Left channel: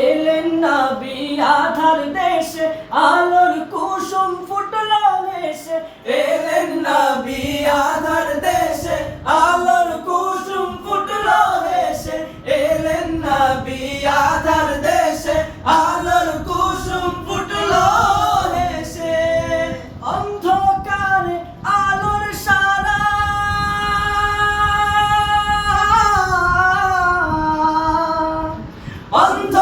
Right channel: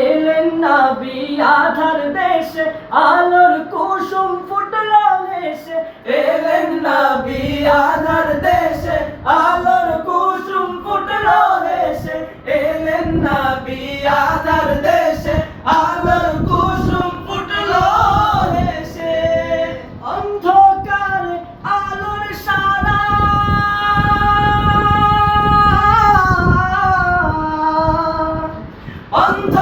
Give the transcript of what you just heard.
এলেন নবী আধার দেশে, আলোর কুসুম ফুটলো দেশে এলেন নবী আধার দেশে, আলোর কুসুম ফুটলো দেশে এলেন নবী আধার দেশে, আলোর কুসুম ফুটলো দেশে অন্ধকারে আলোর সারা। অন্ধকারে